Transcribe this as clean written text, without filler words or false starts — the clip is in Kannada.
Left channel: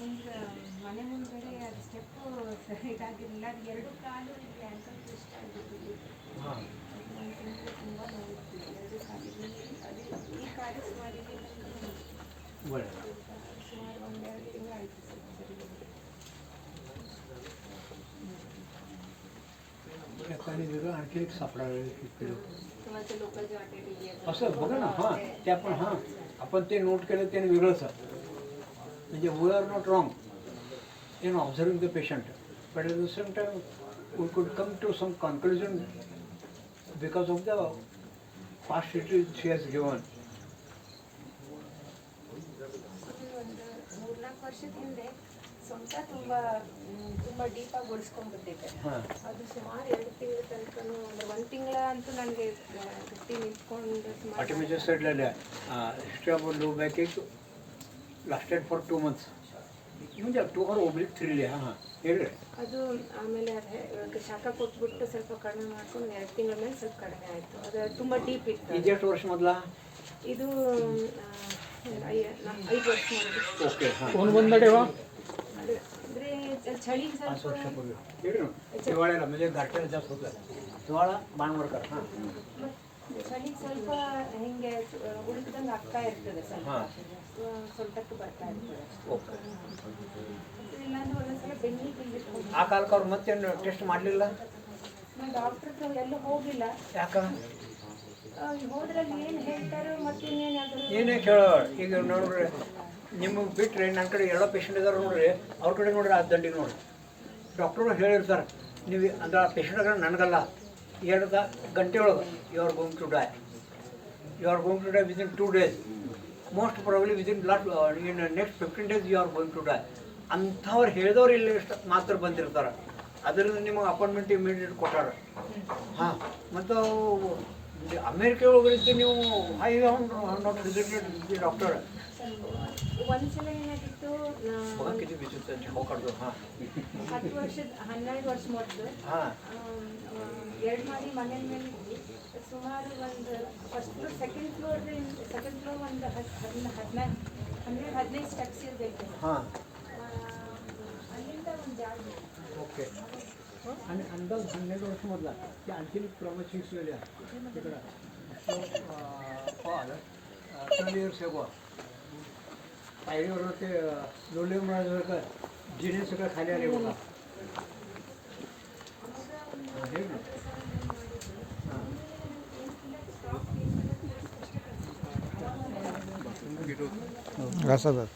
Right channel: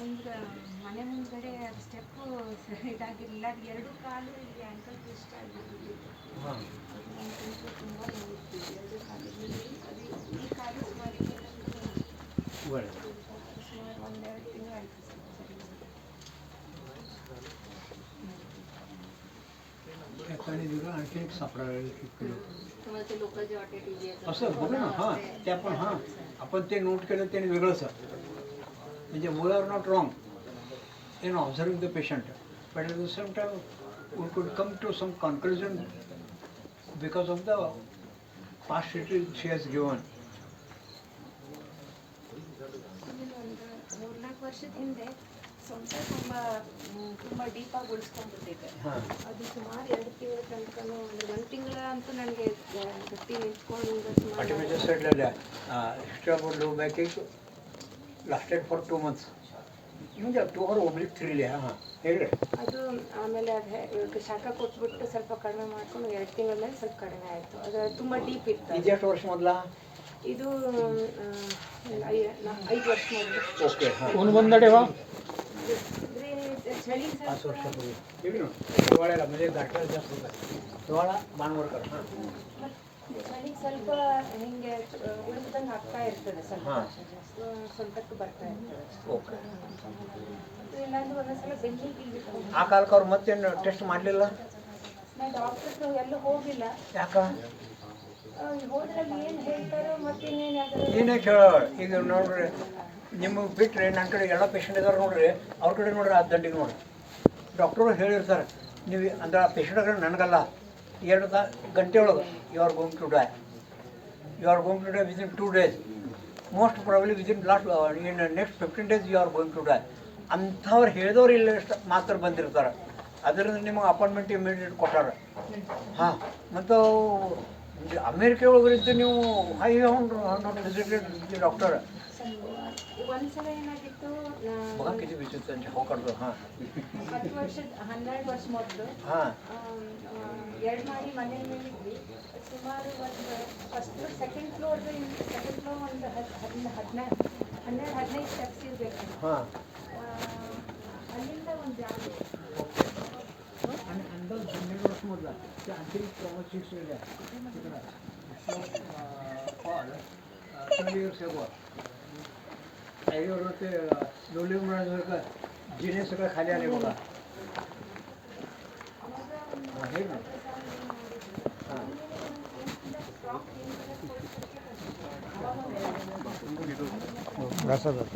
ಮುಂದೆ ಮನೆ ಮುಂದ್ಗಡೆ ಅದು ಸ್ಟೆಪ್ಪು ಇದಾಗಿರಲಿಲ್ಲ, ಅದು ಎರಡು ಕಾಲು ಇಲ್ಲಿ ಆ್ಯಂಕಲ್ ಟ್ವಿಸ್ಟ್ ಆಗಿಬಿಟ್ಟಿತ್ತು. ಅದು ತುಂಬ ನೋವಿತ್ತು ಎರಡು ಕಾಲಿಗೆ. ಅದು ಈ ಕಾಲು ಸುಮಾರು ಒಂದೆರಡು ತಿಂಗಳು ಆಯಿತು सर. आणखी एक सापडा तुम्हाला ते लोकल जे वाटे टी व्ही असं बघा ना. हां ते आपण आपण ते नोट केलं त्याने वेगळंच म्हणजे we are not wrong in observing the patient but at the same time we could come to some conclusion because of the past history she has given. 4-4 ವರ್ಷದ ಹಿಂದೆ ಸೊಂಟ ತುಂಬ ಡೀಪಾಗಿ ಉಳಿಸ್ಕೊಂಡ್ಬಿಟ್ಟಿದೆ. ಅದು ಸುಮಾರು 2 ತಿಂಗಳ ತನಕನೂ ಅಂದರೆ 1 ತಿಂಗಳ ಅಂತೂ ನನಗೆ ಗಟ್ಟಿ ನಿಂತ್ಕೊಂಡು ಸುಮಾರು. Artificial said that history about low back ache lasted for 2 months. म्हणजे 2 or oblique 3 ಹೇಳಿ. ಅದು ಆಮೇಲೆ ಅದು ಶಾಖ ಕೊಟ್ಬಿಟ್ಟು ಸ್ವಲ್ಪ ಕಡಿಮೆ ಮಾಡ್ಕೊಂಡು 2 ತಿಂಗಳ ಮೇಲೆ ಸ್ವಲ್ಪ ಕಡಿಮೆ ಆಯಿತು. ಅದು ತುಂಬ ಡೀಪ್ ಇತ್ತು. ಇದು ಎಷ್ಟು ವರ್ಷ ಮೊದಲ? ಇದು 5 ವರ್ಷ ಮೊದಲು. ಓಕೆ. कोण बंदडेवा ಅಂದರೆ ಚಳಿ ಸ್ವಲ್ಪ हिवाळ्याला म्हणजे गारठ्याला जास्त होतात. हिवाळा बाणवरकर. हां ಚಳಿಗೆ ಸ್ವಲ್ಪ ಹಿಂಗೆ ಉಳಿದಂಗೆ ಆಗ್ತಾ ಇರ್ತದೆ, ಸ್ವಲ್ಪ ಸ್ವಲ್ಪಕ್ಕೆ ಬರ್ತಾ ಇರ್ತದೆ. ಓಕೆ. ಇಲ್ಲಾಂದ್ರೆ ಒಂದೊಂದ್ಸಲ ಬೆನ್ನಿಗೆ ಆ ಕಾಲಕ್ಕೆ ಅವ್ರು ಮತ್ತೇನು ಟೆಸ್ಟ್ ಮಾಡಲಿಲ್ಲ? ನಾನು ಡಾಕ್ಟ್ರ್ ಹತ್ರ ಎಲ್ಲೂ ಹೋಗಿಲ್ಲ. ಯಾಕ? ಹೋದ್ರಲ್ಲಿ ಏನು ಹೇಳ್ತಾರೋ ಮತ್ತಿನ್ನೇನು ಯಾವ್ದಾರು ಏನೇ ಕೇಳ. ಈಗ ನೋಡ್ರಿ ನಿಮಗೆ ಬಿಟ್ಟರೆ ನನ್ನ ಕಡೆ ಎಲ್ಲ ಪೇಷಂಟ್ ಇದ್ದಾರೆ ನೋಡ್ರಿ, ಅವ್ರ ಕಡೆ ನೋಡ್ರಿ ಆ ದಂಡಿಗೆ ನೋಡ್ರಿ ಡಾಕ್ಟ್ರು ಹೇಳಿರ್ತಾರೆ ನೀವು ಅಂದ್ರೆ ಆ ಪೇಷಂಟ್ ಕಡೆ ನನಗಲ್ಲ 2 ಗಂಟೆ ಒಳಗೆ you are going to die, you are going to die within 2 days, most probably within in next 15 days you are going to die ಅಂಥವ್ರು ಹೇಳಿದವ್ರು ಇಲ್ಲ ಮಾತ್ರ ಬಂದಿರ್ತಾರೆ. ಅದರಿಂದ ನಿಮಗೆ ಅಪಾಯಿಂಟ್ಮೆಂಟ್ ಇಮಿಡಿಯೇಟ್ ಕೊಟ್ಟಾರ. ಹಾಂ ಮತ್ತು ಅಮೇರಿಕೆ ಒಳಗರಿದ್ದು ನೀವು I not visited the doctor. ಒಂದ್ಸಲ ಏನಾಗಿತ್ತು, बघा किती विचित्र हो काढतो. हां 10 ವರ್ಷದ 12 ವರ್ಷ ಮೊದಲು ಹಾಂ 2 ಮಾಡಿ ಮನೆ ಮೇಲಿದ್ವಿ. ಸುಮಾರು ಒಂದು ಫಸ್ಟ್ ಫ್ಲೋರ್ ಸೆಕೆಂಡ್ ಫ್ಲೋರ್ ಒಂದು 12-15 ಸ್ಟೆಪ್ಸ್ ಇರಬೇಕು. हां ಅಲ್ಲಿಂದ ಒಂದು ಜಾಗ आणि अंदाज 12 वर्ष मधला ते आणखी प्रमोशन कॉल 12 years ago आईवर ते लोलिंग म्हणायचं का जिने सगळं खाली आले बघा. आहे ना. घासा जात